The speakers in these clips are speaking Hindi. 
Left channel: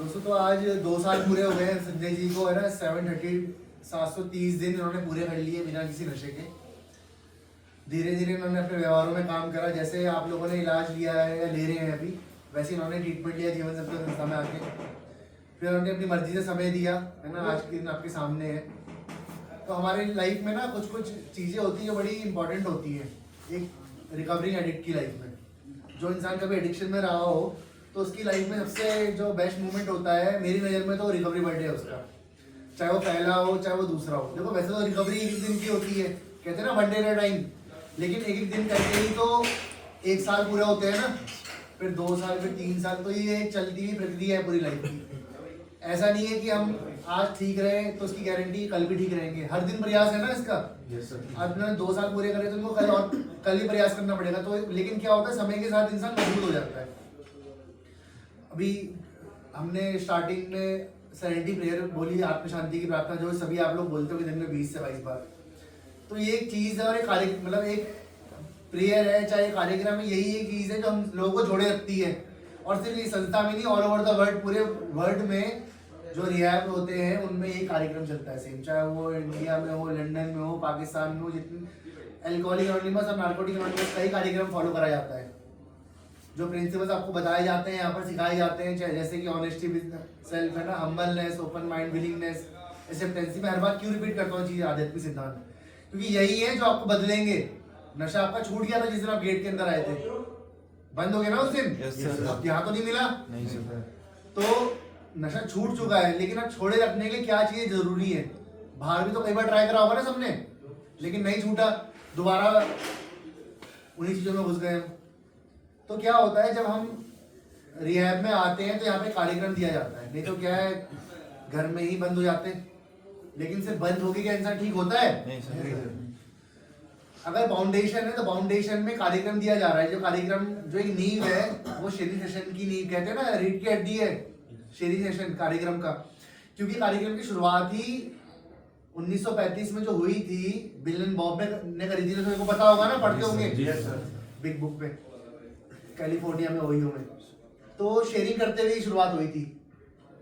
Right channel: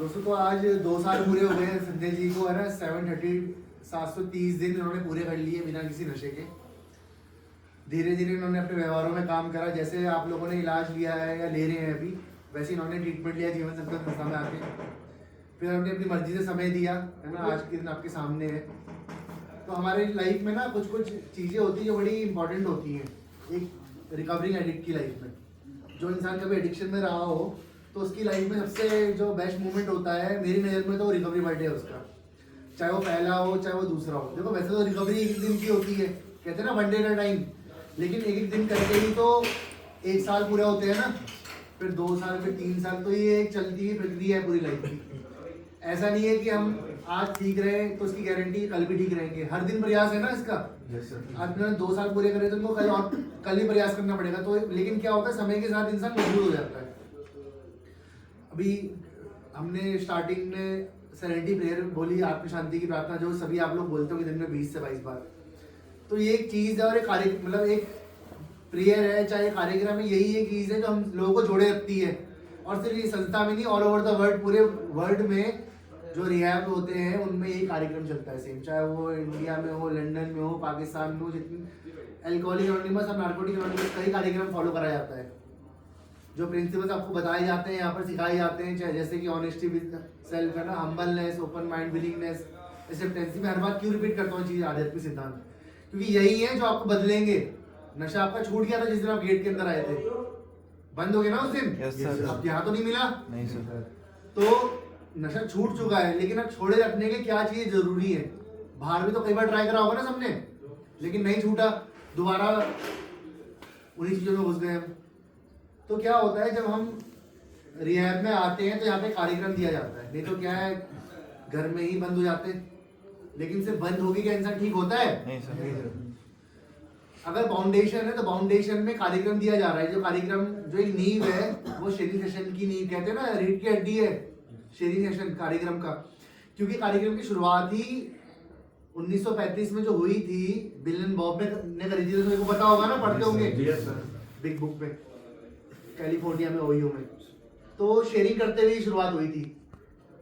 दोस्तों तो आज 2 साल पूरे हो गए हैं संजय जी को, है ना। 730 दिन उन्होंने पूरे कर लिए बिना किसी नशे के। धीरे धीरे उन्होंने अपने व्यवहारों में काम करा। जैसे आप लोगों ने इलाज लिया है या ले रहे हैं अभी, वैसे इन्होंने ट्रीटमेंट लिया जीवन संस्था संस्था में आके। फिर उन्होंने अपनी मर्जी से समय दिया, है ना। आज के दिन आपके सामने है। तो हमारी लाइफ में ना कुछ कुछ चीज़ें होती हैं जो बड़ी इंपॉर्टेंट होती हैं एक रिकवरिंग एडिक्ट की लाइफ में। जो इंसान कभी एडिक्शन में रहा हो तो उसकी लाइफ में सबसे जो बेस्ट मोमेंट होता है मेरी नज़र में तो रिकवरी बर्थडे है उसका। चाहे वो पहला हो चाहे वो दूसरा हो। देखो वैसे तो रिकवरी एक दिन की होती है, कहते हैं ना one day at a time, लेकिन एक एक दिन करके ही तो 1 साल पूरा होते हैं ना, फिर 2 साल, फिर 3 साल। तो ये एक चलती हुई प्रक्रिया है पूरी लाइफ की। ऐसा नहीं है कि हम आज ठीक रहे तो उसकी गारंटी कल भी ठीक रहेंगे। हर दिन प्रयास है ना इसका। आज मैंने 2 साल पूरे करे तो उनको कल ही प्रयास करना पड़ेगा। तो लेकिन क्या होता है, समय के साथ इंसान मजबूत हो जाता है। अभी हमने स्टार्टिंग में सेरेनिटी प्रेयर बोली, आत्म शांति की प्रार्थना, जो सभी आप लोग बोलते हो दिन में 20 से 22 बार। तो ये एक चीज़ है और एक कार्य मतलब एक प्रेयर है, चाहे कार्यक्रम है, यही एक चीज़ है जो हम लोगों को जोड़े रखती है। और सिर्फ ये संस्था में नहीं, ऑल ओवर द वर्ल्ड, पूरे वर्ल्ड में जो रिहैब होते हैं उनमें यही कार्यक्रम चलता है सेम। चाहे वो इंडिया में हो, लंदन में हो, पाकिस्तान में हो, जितनी एल्कोहलिक एनोनिमस और नार्कोटिक एनोनिमस कई कार्यक्रम फॉलो करा जाता है। जो प्रिंसिपल्स आपको बताए जाते हैं यहाँ पर सिखाए जाते हैं, चाहे जैसे कि ऑनेस्टी विद सेल्फ, है ना, हम्बलनेस, ओपन माइंड, विलिंगनेस, एक्सेप्टेंसी। मैं हर बात क्यों रिपीट करता हूँ चीज़, आध्यात्मिक सिद्धांत, क्योंकि यही है जो आपको बदलेंगे। नशा आपका छूट गया था जिस दिन आप गेट के अंदर आए थे, बंद हो गया ना उस दिन। अब यहाँ तो नहीं मिला, नहीं सर। तो नशा छूट चुका है, लेकिन अब छोड़े रखने के क्या चीज़ जरूरी है। बाहर भी तो कई बार ट्राई करा होगा ना सबने, लेकिन नहीं छूटा, दोबारा उन्हीं चीज़ों में घुस गए हम। तो क्या होता है, जब हम रिहैब में आते हैं तो यहाँ पे कार्यक्रम दिया जाता है। नहीं तो क्या है, घर में ही बंद हो जाते हैं। लेकिन सिर्फ बंद होके क्या इंसान ठीक होता है? नहीं सर। अगर फाउंडेशन है तो फाउंडेशन में कार्यक्रम दिया जा रहा है। जो कार्यक्रम, जो एक नींव है, वो शेरी सेशन की नींव, कहते हैं ना, रीढ़ की हड्डी है शेरी सेशन कार्यक्रम का। क्योंकि कार्यक्रम की शुरुआत ही 1935 में जो हुई थी, बिल एंड बॉब ने करी थी। तो मेरे को पता होगा ना, पढ़ते होंगे बिग बुक पे, कैलिफोर्निया में, ओहियो में। तो शेयरिंग करते हुए शुरुआत हुई थी।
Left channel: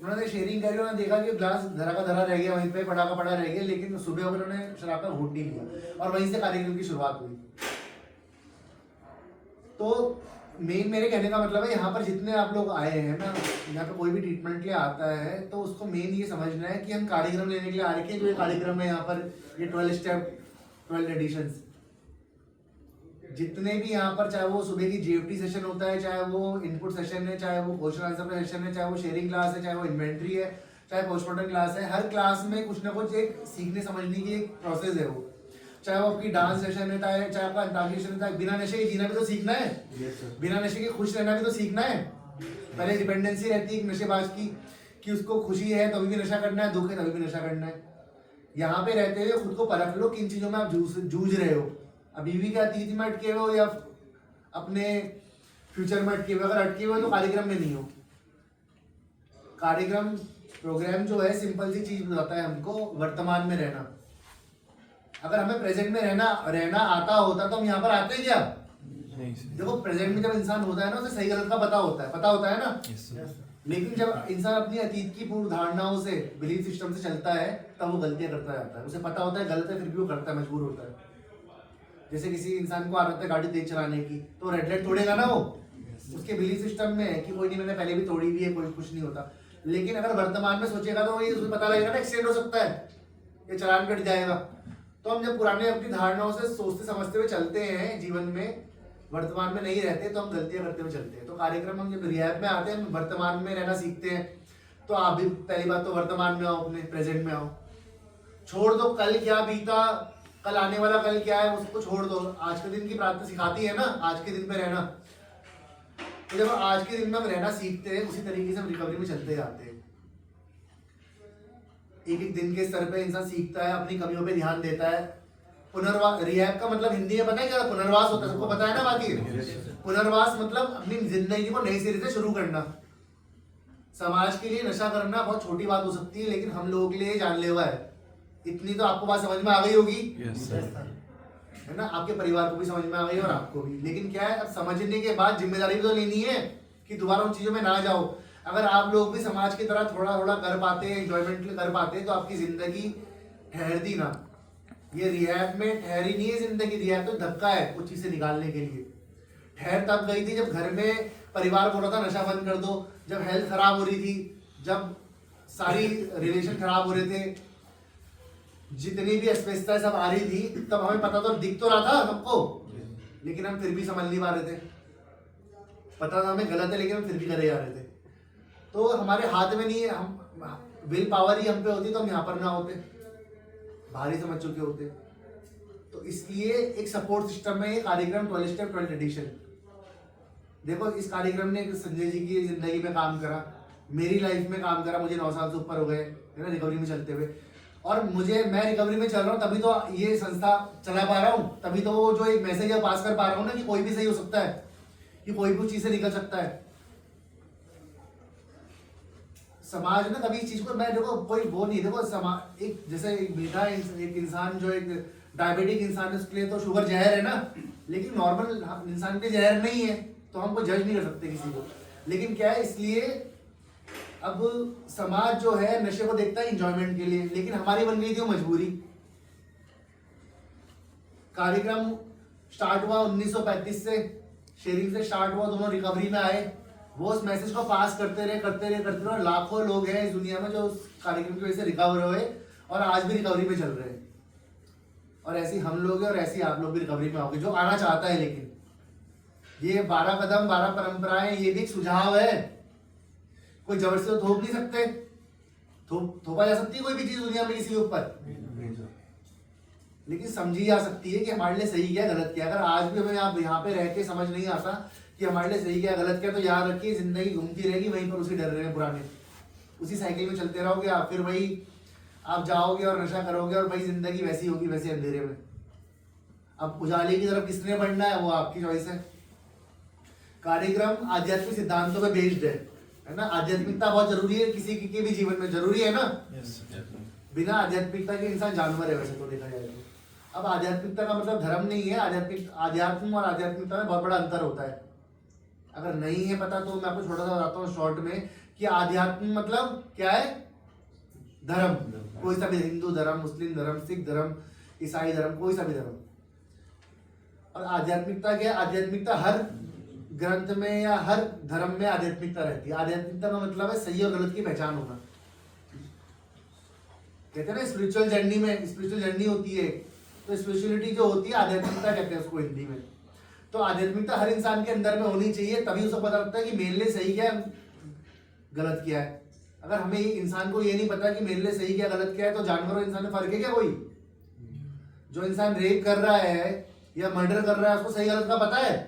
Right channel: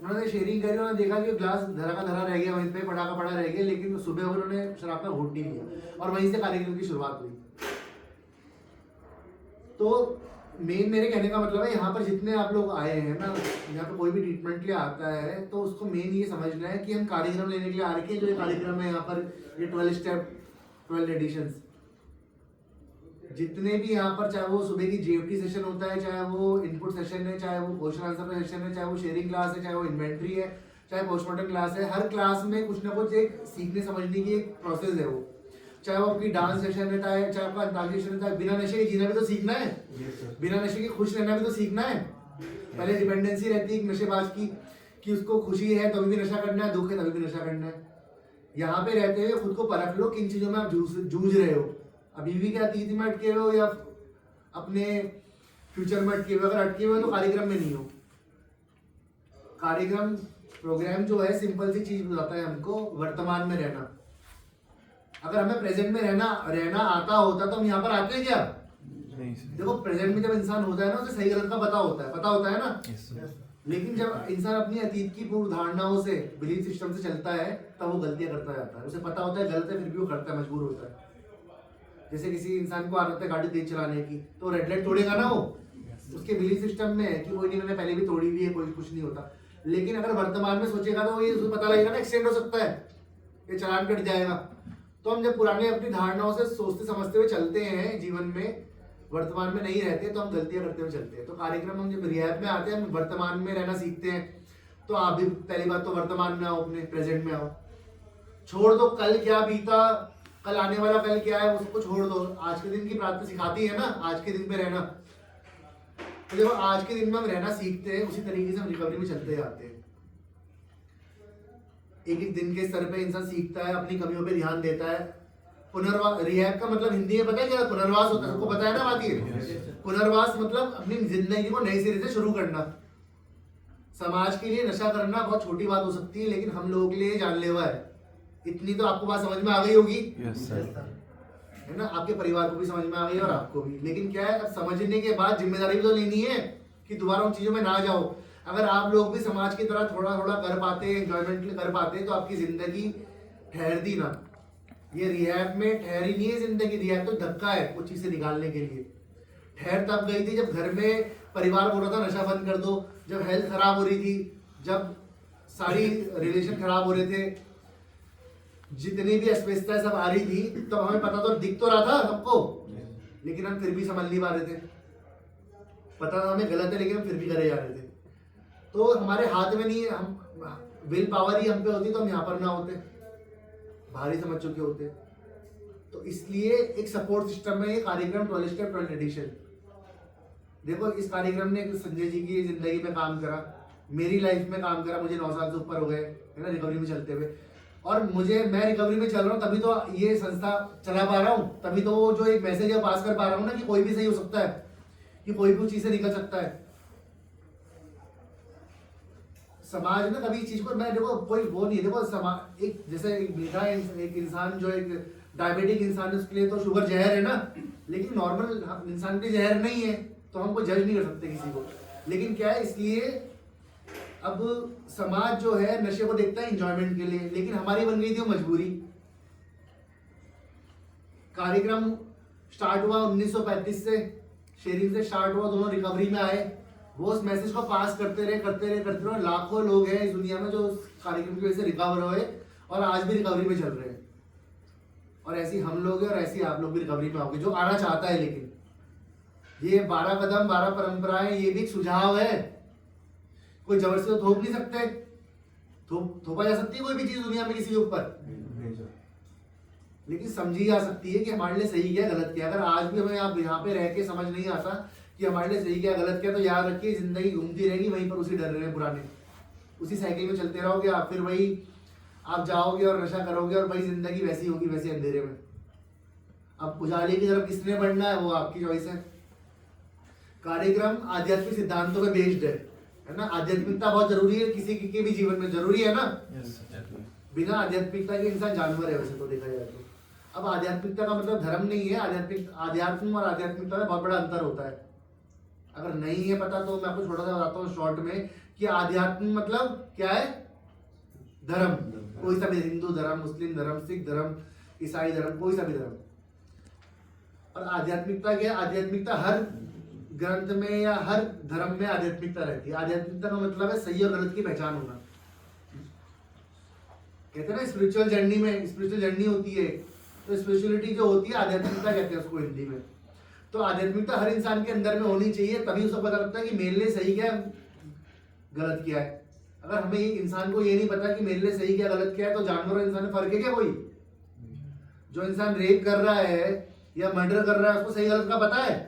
उन्होंने शेयरिंग करी, उन्होंने देखा कि ग्लास धरा का धरा रह गया, वहीं पे पड़ा का पड़ा रह गया, लेकिन सुबह उन्होंने शराब का घूंट नहीं लिया और वहीं से कार्यक्रम की शुरुआत हुई। तो मेन मेरे कहने का मतलब है, यहाँ पर जितने आप लोग आए हैं ना, यहाँ पर कोई भी ट्रीटमेंट के लिए आता है तो उसको मेन ये समझना है कि हम कार्यक्रम लेने के लिए आ रखे हैं। जो ये कार्यक्रम है यहाँ पर, ये 12 स्टेप 12 एडिशंस, जितने भी यहाँ पर, चाहे वो सुबह की जीएफटी सेशन होता है, चाहे वो इनपुट सेशन है, चाहे वो क्वेश्चन आंसर सेशन है, चाहे वो शेयरिंग क्लास है, चाहे वो इन्वेंट्री है, चाहे पोस्टमार्टम क्लास है, हर क्लास में कुछ ना कुछ एक सीखने समझने की एक प्रोसेस है वो। चाहे वो आपकी डांस सेशन है, चाहे आपका अंताक्षरी सेशन है, बिना नशे के जीना भी तो सीखना है, बिना नशे के खुश रहना भी तो सीखना है। पहले डिपेंडेंसी रहती है एक नशेबाज की, कि उसको खुशी है तभी भी नशा करना है, दुख है तभी भी नशा करना है। यहाँ पे रहते हुए खुद को परख लो किन चीज़ों में आप जूझ रहे हो। अभी भी क्या अतीत में अटके हुए हो या अपने फ्यूचर में अटके हुए? अगर अटके हुए तो कार्यक्रम में नहीं हो। कार्यक्रम प्रोग्राम जो है सिंपल सी चीज बताता है हमको, वर्तमान में रहना। अगर हमें प्रेजेंट में रहना आता होता तो हम यहाँ पर आते क्या? नहीं। देखो प्रेजेंट में जब इंसान होता है ना, उसे सही गलत का पता होता है ना। लेकिन जब इंसान अपनी अतीत की पूर्व धारणाओं से, बिलीफ सिस्टम से चलता है, तब वो गलतियां करता जाता है। उसे पता होता है गलत है, फिर भी वो करता है, मजबूर होता है। जैसे किसी इंसान को आदत है गाड़ी तेज चलाने की, तो रेड लाइट तोड़ेगा ना वो, उसके बिलीफ सिस्टम में है कि कोई नहीं, मैंने पहले भी तोड़ी हुई है, कोई कुछ नहीं होता। लेकिन अगर वर्तमान में सोचेगा तो ये उसे पता लगेगा ना, एक्सीडेंट हो सकता है, ये चालान कट जाएगा। तो हम जब पुराने अपनी धारणाओं से सोचते समझते हुए चलते हैं जीवन में, वर्तमान में नहीं रहते, तो हम गलतियां करते हुए चलते हैं। तो कार्यक्रम, हम जब रिहैब में आते हैं, हम वर्तमान में रहना सीखते हैं। तो आप भी पहली बात तो वर्तमान में आओ, अपने प्रेजेंट में आओ। छोड़ दो कल क्या बीता, कल आने वाला कल क्या है, उसको छोड़ दो। आज के दिन की प्रार्थना सिखाती है ना, आज के दिन में रहना। तो जब आज के दिन में हम रहना सीखते हैं, उसी तरीके से हम रिकवरी में चलते जाते हैं। एक एक दिन के स्तर पे इंसान सीखता है, अपनी कमियों पे ध्यान देता है। पुनर्वास, रिहैब का मतलब हिंदी में पता है क्या? पुनर्वास होता है, सबको पता है ना बात ये। पुनर्वास मतलब अपनी जिंदगी को नए सिरे से शुरू करना। समाज के लिए नशा करना बहुत छोटी बात हो सकती है, लेकिन हम लोगों के लिए जानलेवा है। इतनी तो आपको बात समझ में आ गई होगी, है ना, आपके परिवार को भी समझ में आ गई और आपको भी। लेकिन क्या है, अब समझने के बाद जिम्मेदारी भी तो लेनी है कि दोबारा उन चीज़ों में ना जाओ। अगर आप लोग भी समाज की तरह थोड़ा थोड़ा कर पाते, एंजॉयमेंट कर पाते, तो आपकी जिंदगी ठहरती ना। ये रिहैब में ठहरी नहीं है जिंदगी, रिहैब तो धक्का है कुछ चीज़ से निकालने के लिए। ठहर तब गई थी जब घर में परिवार बोल रहा था नशा बंद कर दो, जब हेल्थ खराब हो रही थी, जब सारी रिलेशन खराब हो रहे थे, जितनी भी अस्वस्थता सब आ रही थी, तब हमें पता तो दिख तो रहा था सबको, लेकिन हम फिर भी समझ नहीं पा रहे थे। पता था हमें गलत है, लेकिन हम फिर भी करे जा रहे थे। तो हमारे हाथ में नहीं है, हम विल पावर ही हम पे होती तो हम यहाँ पर ना होते, भारी समझ चुके होते। तो इसलिए एक सपोर्ट सिस्टम में ये कार्यक्रम 12 स्टेप 12 एडिशन। देखो, इस कार्यक्रम ने संजय जी की जिंदगी में काम करा, मेरी लाइफ में काम करा, मुझे 9 साल से ऊपर हो गए है ना रिकवरी में चलते हुए। और मैं रिकवरी में चल रहा हूँ, तभी तो ये संस्था चला पा रहा हूँ, तभी तो वो जो एक मैसेज है पास कर पा रहा हूँ ना, कि कोई भी सही हो सकता है, कि कोई भी चीज से निकल सकता है। समाज ना कभी इस चीज को, मैं देखो कोई वो नहीं, देखो समाज एक जैसे एक मीठा एक इंसान जो एक डायबिटिक इंसान है, उसके लिए तो शुगर जहर है ना, लेकिन नॉर्मल इंसान के लिए जहर नहीं है, तो हम कोई जज नहीं कर सकते किसी को। लेकिन क्या है, इसलिए अब समाज जो है नशे को देखता है इंजॉयमेंट के लिए, लेकिन हमारी बन गई थी वो मजबूरी। कार्यक्रम स्टार्ट हुआ 1935 से, शेयरिंग से स्टार्ट हुआ, दोनों रिकवरी में आए, वो उस मैसेज को पास करते रहे और लाखों लोग हैं इस दुनिया में जो उस कार्यक्रम की वजह से रिकवर हुए और आज भी रिकवरी में चल रहे हैं। और ऐसी हम लोग हैं और ऐसी आप लोग भी रिकवरी में आओगे जो आना चाहता है। लेकिन ये 12 कदम 12 परंपराएं, ये भी एक सुझाव है, कोई जबरदस्ती तो थोप नहीं सकते, थोपा जा सकती है कोई भी चीज दुनिया में किसी के ऊपर, लेकिन समझी जा सकती है कि हमारे लिए सही क्या गलत क्या। अगर आज भी हमें आप यहाँ पे रह के समझ नहीं आता कि हमारे लिए सही क्या गलत क्या, तो याद रखिए जिंदगी घूमती रहेगी वहीं पर, उसी डर रहे पुराने, उसी साइकिल में चलते रहोगे आप, फिर वही आप जाओगे और नशा करोगे और वही जिंदगी वैसी होगी, वैसे अंधेरे में। अब उजाले की तरफ किसने बढ़ना है वो आपकी चॉइस है। कार्यक्रम आध्यात्मिक सिद्धांतों पे बेस्ड है ना। आध्यात्मिकता बहुत जरूरी है, किसी के भी जीवन में जरूरी है ना। बिना आध्यात्मिकता के इंसान जानवर है वैसे तो देखा जाए तो। अब आध्यात्मिकता का मतलब धर्म नहीं है, आध्यात्म और आध्यात्मिकता में बहुत बड़ा अंतर होता है। अगर नहीं है पता तो मैं आपको छोटा सा बताता हूँ शॉर्ट में, कि आध्यात्म मतलब क्या है, धर्म, कोई सा भी, हिंदू धर्म, मुस्लिम धर्म, सिख धर्म, ईसाई धर्म, कोई सा भी धर्म। और आध्यात्मिकता क्या है, आध्यात्मिकता हर ग्रंथ में या हर धर्म में आध्यात्मिकता रहती है। आध्यात्मिकता का मतलब है सही और गलत की पहचान होना। कहते हैं ना स्पिरिचुअल जर्नी में, स्पिरिचुअल जर्नी होती है, तो स्पिरिचुअलिटी जो होती है आध्यात्मिकता कहते हैं उसको हिंदी में। तो आध्यात्मिकता हर इंसान के अंदर में होनी चाहिए, तभी उसे पता लगता है कि मेरे लिए सही क्या है गलत क्या है। अगर हमें इंसान को ये नहीं पता कि मेरे लिए सही क्या गलत क्या है, तो जानवर और इंसान में फर्क है क्या कोई? जो इंसान रेप कर रहा है या मर्डर कर रहा है उसको सही गलत का पता है?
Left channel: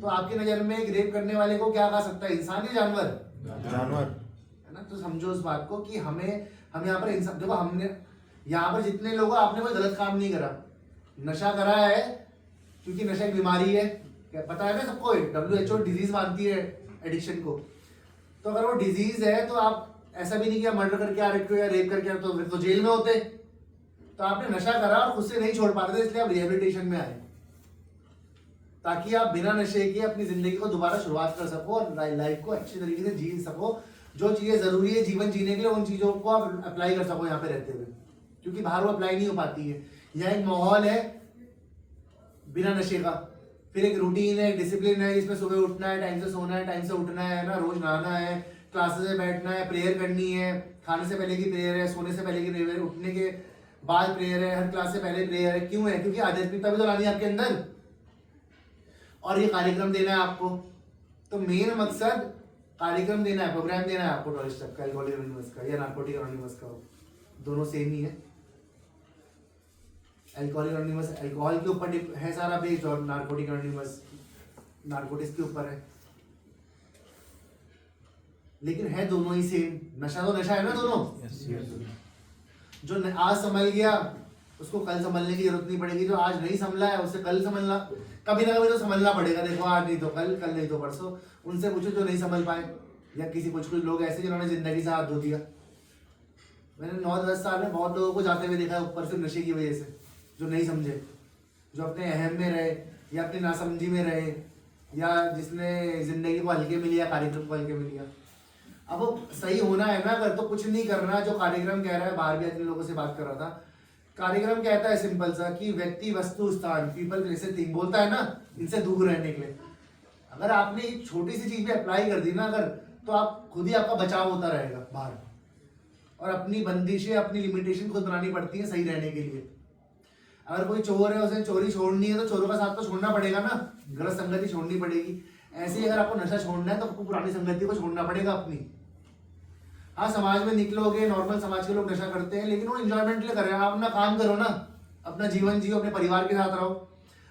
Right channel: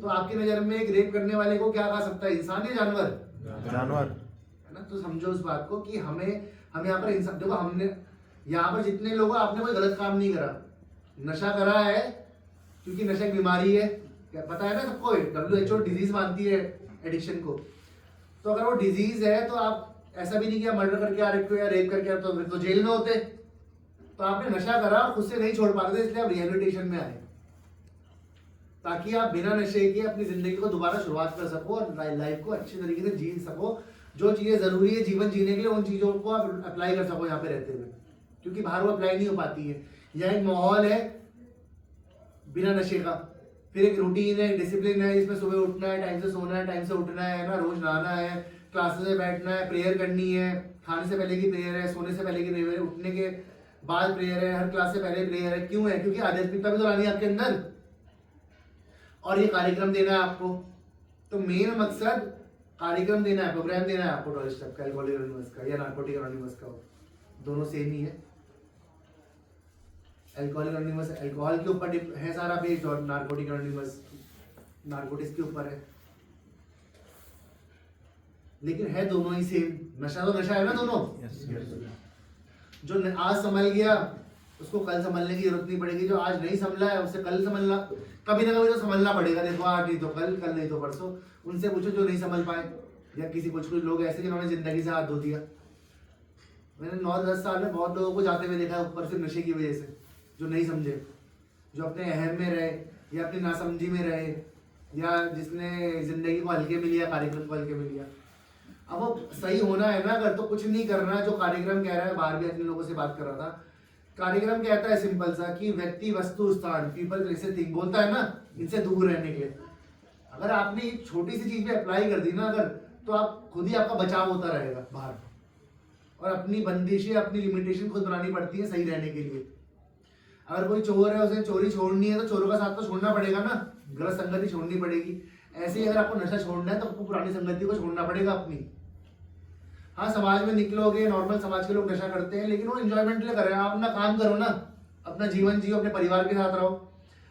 तो आपकी नजर में एक रेप करने वाले को क्या खा सकता है, इंसान या जानवर? जानवर है ना। तो समझो उस बात को कि हम यहाँ पर इंसान, देखो हमने यहाँ पर जितने लोग आपने कोई गलत काम नहीं करा, नशा करा है क्योंकि नशा एक बीमारी है, क्या पता है ना सबको, WHO डिजीज मानती है एडिक्शन को। तो अगर वो डिजीज है तो आप ऐसा भी नहीं कि मर्डर करके आ रखे हो या रेप करके आ, तो जेल में होते। तो आपने नशा करा और खुद से नहीं छोड़ पा रहे थे, इसलिए आप रिहेबिलिटेशन में आए, ताकि आप बिना नशे के अपनी जिंदगी को दोबारा शुरुआत कर सको और लाइफ को अच्छी तरीके से जी सको। जो चीजें जरूरी है जीवन जीने के लिए, उन चीजों को आप अप्लाई कर सको यहाँ पे रहते हुए, क्योंकि बाहर वो अप्लाई नहीं हो पाती है। यहाँ एक माहौल है बिना नशे का, फिर एक रूटीन है, डिसिप्लिन है, इसमें सुबह उठना है, टाइम से सोना है, टाइम से उठना है ना, रोज नहाना है, क्लासेस में बैठना है, प्रेयर करनी है, खाने से पहले की प्रेयर है, सोने से पहले की प्रेयर है, उठने के बाद प्रेयर है, हर क्लास से पहले प्रेयर है। क्यों है? क्योंकि आध्यात्मिकता भी तो लानी है आपके अंदर, और ये कार्यक्रम देना है आपको। तो मेन मकसद कार्यक्रम देना है, प्रोग्राम देना है आपको 12 स्टेप का, अल्कोहलिक एनोनिमस का या नार्कोटिक एनोनिमस का, दोनों सेम ही है। अल्कोहलिक एनोनिमस अल्कोहल के ऊपर है सारा बेस्ड, और नार्कोटिक एनोनिमस नार्कोटिक्स के ऊपर है, लेकिन है दोनों ही सेम। नशा तो नशा है ना दोनों। जो आज संभल गया उसको कल संभलने की जरूरत नहीं पड़ेगी, जो आज नहीं संभला है उसे कल संभलना, कभी ना कभी तो संभलना पड़ेगा। देखो आज नहीं तो कल, कल नहीं तो परसों। उनसे पूछो जो नहीं संभल पाए, या किसी कुछ लोग ऐसे जिन्होंने जिंदगी से हाथ धो दिया। मैंने 9-10 साल में बहुत लोगों को जाते हुए देखा है ऊपर से नशे की वजह से, जो नहीं समझे, जो अपने अहम में रहे या अपनी नासमझी में रहे या जिसने जिंदगी को हल्के में लिया, कार्यक्रम को हल्के में लिया। अब वो सही होना है ना अगर, तो कुछ नहीं करना। जो कार्यक्रम कह रहा है, बाहर भी इतने लोगों से बात कर रहा था, कार्यक्रम कहता है सिंपल सा कि व्यक्ति वस्तु स्थान, पीपल प्लेसेस थिंग, बोलता है ना इनसे दूर रहने के लिए। अगर आपने एक छोटी सी चीज पे अप्लाई कर दी ना अगर, तो आप खुद ही आपका बचाव होता रहेगा बाहर। और अपनी बंदिशें, अपनी लिमिटेशन खुद बनानी पड़ती है सही रहने के लिए। अगर कोई चोर है, उसे चोरी छोड़नी है तो चोरों का साथ तो छोड़ना पड़ेगा ना, गलत संगति छोड़नी पड़ेगी। ऐसे ही अगर आपको नशा छोड़ना है तो आपको पुरानी संगति को छोड़ना पड़ेगा अपनी। हाँ, समाज में निकलोगे, नॉर्मल समाज के लोग नशा करते हैं, लेकिन वो एंजॉयमेंट के लिए कर रहे हैं। आप अपना काम करो ना, अपना जीवन जियो, अपने परिवार के साथ रहो,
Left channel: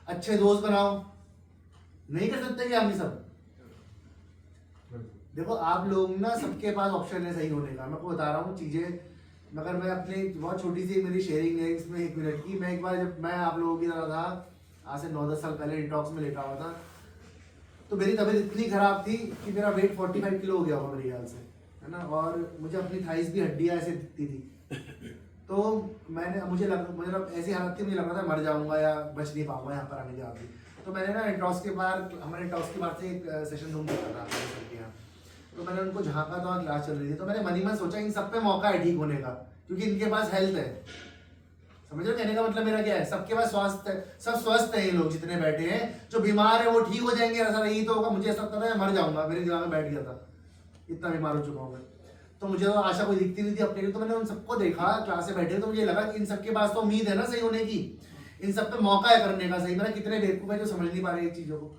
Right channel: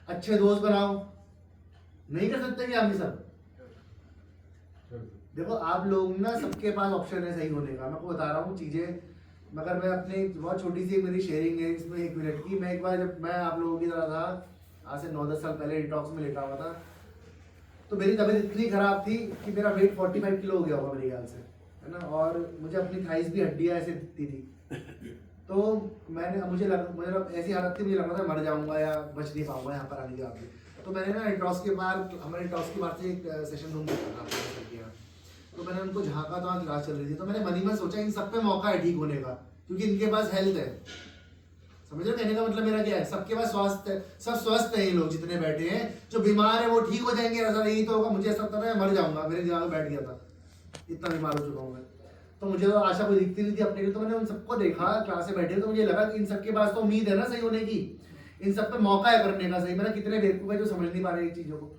अच्छे दोस्त बनाओ। नहीं कर सकते क्या हम ये सब? देखो आप लोग ना, सबके पास ऑप्शन है सही होने का। मैं आपको बता रहा हूँ चीजें, मगर मैं अपनी बहुत छोटी सी मेरी शेयरिंग है इसमें 1 मिनट की। मैं एक बार जब मैं आप लोगों की तरह था, आज से 9-10 साल पहले डिटॉक्स में लेटा हुआ था, तो मेरी तबीयत इतनी खराब थी कि मेरा वेट 45 किलो हो गया होगा मेरे ख्याल से, है ना। और मुझे अपनी थाइस भी हड्डियाँ ऐसे दिखती थी। तो मुझे ऐसी हालत थी, मुझे लग रहा था मर जाऊंगा या बच नहीं पाऊंगा यहाँ पर आने के बाद भी। तो मैंने ना टॉस के बाद, हमारे टॉस के बाद से एक सेशन रूम देखा था आपके यहाँ, तो मैंने उनको झांका तो वहाँ क्लास चल रही थी। तो मैंने मन ही मन सोचा इन सब पे मौका है ठीक होने का, क्योंकि इनके पास हेल्थ है। समझ रहे हो कहने का मतलब मेरा क्या है? सबके पास स्वास्थ्य है, सब स्वस्थ है। ये लोग जितने बैठे हैं, जो बीमार है वो ठीक हो जाएंगे, ऐसा नहीं तो होगा। मुझे ऐसा लगता था मैं मर जाऊंगा, मेरे दिमाग में बैठ गया था, इतना बीमार हो चुका हूँ मैं। तो मुझे तो आशा कोई दिखती नहीं थी अपने लिए। तो मैंने उन सबको देखा क्लास से बैठे, तो मुझे लगा कि इन सबके पास तो उम्मीद है ना सही होने की, इन सब पे मौका है करने का सही। मैंने कितने बेवकूफ है जो समझ नहीं पा रहे चीजों को,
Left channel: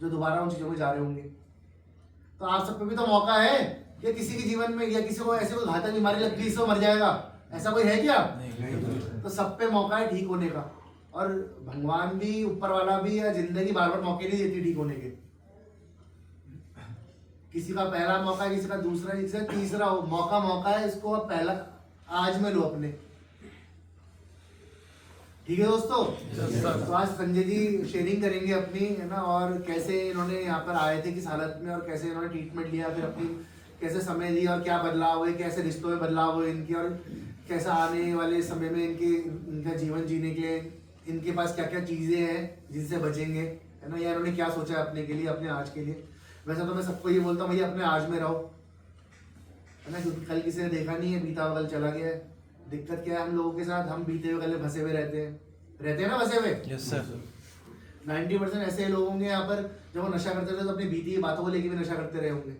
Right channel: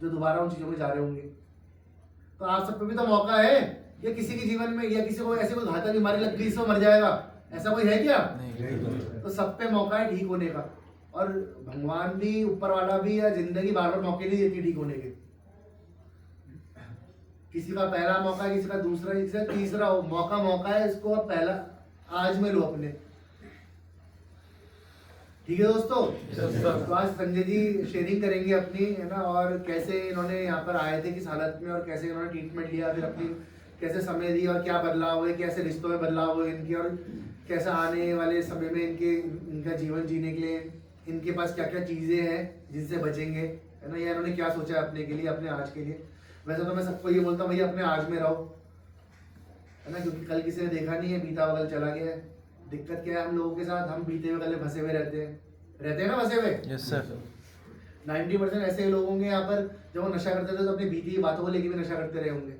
जो दोबारा उन चीजों में जा रहे होंगे। तो आप सब पे भी तो मौका है। या किसी के जीवन में या किसी को ऐसे कोई घातक बीमारी लग गई, इससे मर जाएगा, ऐसा कोई है क्या? नहीं। तो सब पे मौका है ठीक होने का। और भगवान भी, ऊपर वाला भी, या जिंदगी बार बार मौके नहीं देती ठीक होने के। किसी का पहला मौका है, किसी का दूसरा, किसी का तीसरा हो। मौका है, इसको अब पहला आज में लो अपने। ठीक है दोस्तों? तो आज संजय जी शेयरिंग करेंगे अपनी, है ना, और कैसे इन्होंने यहाँ पर आए थे किस हालत में, और कैसे इन्होंने ट्रीटमेंट लिया, फिर अपनी कैसे समय दिया, और क्या बदलाव हुए, कैसे रिश्तों में बदलाव हुए इनके, और कैसे आने वाले समय में इनका जीवन जीने के लिए इनके पास क्या क्या चीजें हैं जिनसे बचेंगे, है ना, या इन्होंने क्या सोचा है अपने के लिए, अपने आज के लिए। वैसे तो मैं सबको ये बोलता हूँ भैया अपने आज में रहो, है ना, क्योंकि कल किसी ने देखा नहीं है, बीता हुआ कल चला गया है। दिक्कत क्या है हम लोगों के साथ, हम बीते हुए कल फंसे हुए रहते हैं ना, फंसे हुए। Yes sir. 90% ऐसे लोग होंगे यहाँ पर, जब वो नशा करते थे तो अपनी बीती हुई बातों को लेके भी नशा करते रहे होंगे,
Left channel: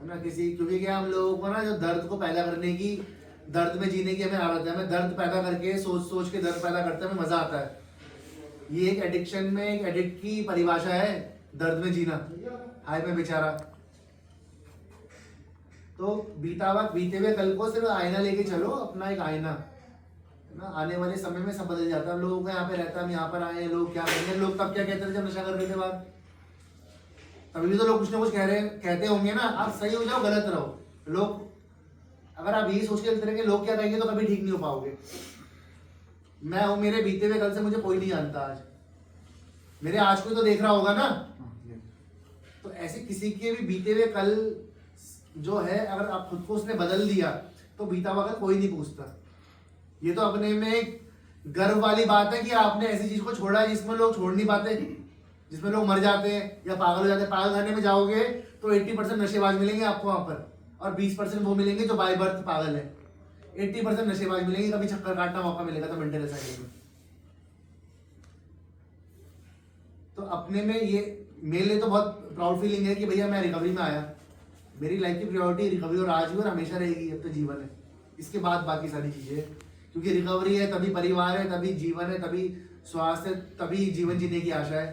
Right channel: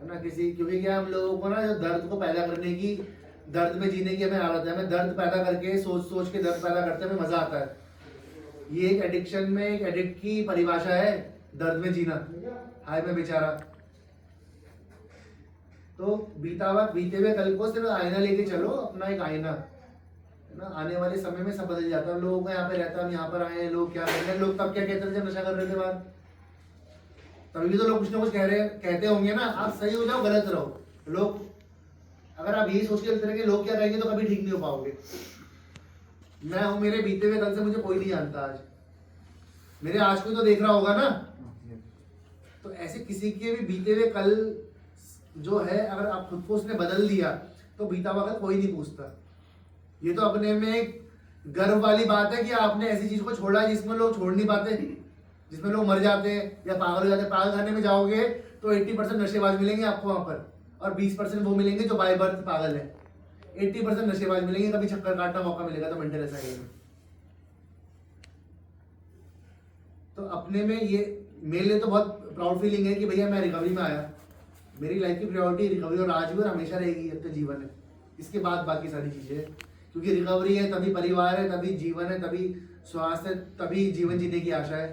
है ना। क्योंकि क्या हम लोगों को ना, जो दर्द को पैदा करने की, दर्द में जीने की हमें आदत है। हमें दर्द पैदा करके, सोच के दर्द पैदा करते हमें मजा आता है। ये एक एडिक्शन में, एक एडिक्ट की परिभाषा है, दर्द में जीना। हाय मैं बेचारा। तो बीते हुए कल को सिर्फ आईना लेके चलो, अपना एक आईना, है ना। आने वाले समय में सब बदल जाता है। लोग यहाँ पे रहता, हम यहाँ पर आए हैं, लोग क्या कर रहे हैं, लोग तब क्या कहते थे जब नशा कर रहे थे बात, तभी भी तो लोग कुछ ना कुछ कहते होंगे ना। आप सही हो जाओ, गलत रहो। लोग, अगर आप यही सोच के चलते रहेंगे लोग क्या कहेंगे, तो कभी ठीक नहीं हो पाओगे। मैं हूं, मेरे बीते हुए कल से मुझे कोई नहीं जानता आज, मेरे आज को तो देख रहा होगा ना। तो ऐसे किसी के भी बीते हुए कल जो है, अगर आप खुद को उसने बदल दिया, तो बीता हुआ कल कोई नहीं पूछता। ये तो अपने में गर्व वाली बात है कि आपने ऐसी चीज को छोड़ा है जिसमें लोग छोड़ नहीं पाते, जिसमें लोग मर जाते हैं या पागल हो जाते हैं। पागल खाने में जाओगे तो 80% नशेबाज मिलेंगे आपको वहां पर, और 20% वो मिलेंगे जो बाय बर्थ पागल है। 80% नशेबाज मिलेंगे, कभी चक्कर काटना मौका मिलेगा तो मेंटल ऐसा कहेंगे। तो अपने में ये, मेरे लिए तो बहुत प्राउड फीलिंग है कि भैया मैं रिकवरी में आया। मेरी लाइफ की प्रायोरिटी रिकवरी, और आज भी और हमेशा रहेगी, अब तो जीवन है, इसके बाद बाकी सारी चीजें। क्योंकि रिकवरी है तभी परिवार है, तभी जीवन है, तभी स्वास्थ्य है, तभी जीवन जीने की आशा है।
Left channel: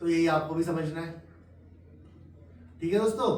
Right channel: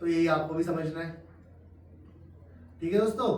तो यही आपको भी समझना है। ठीक है दोस्तों?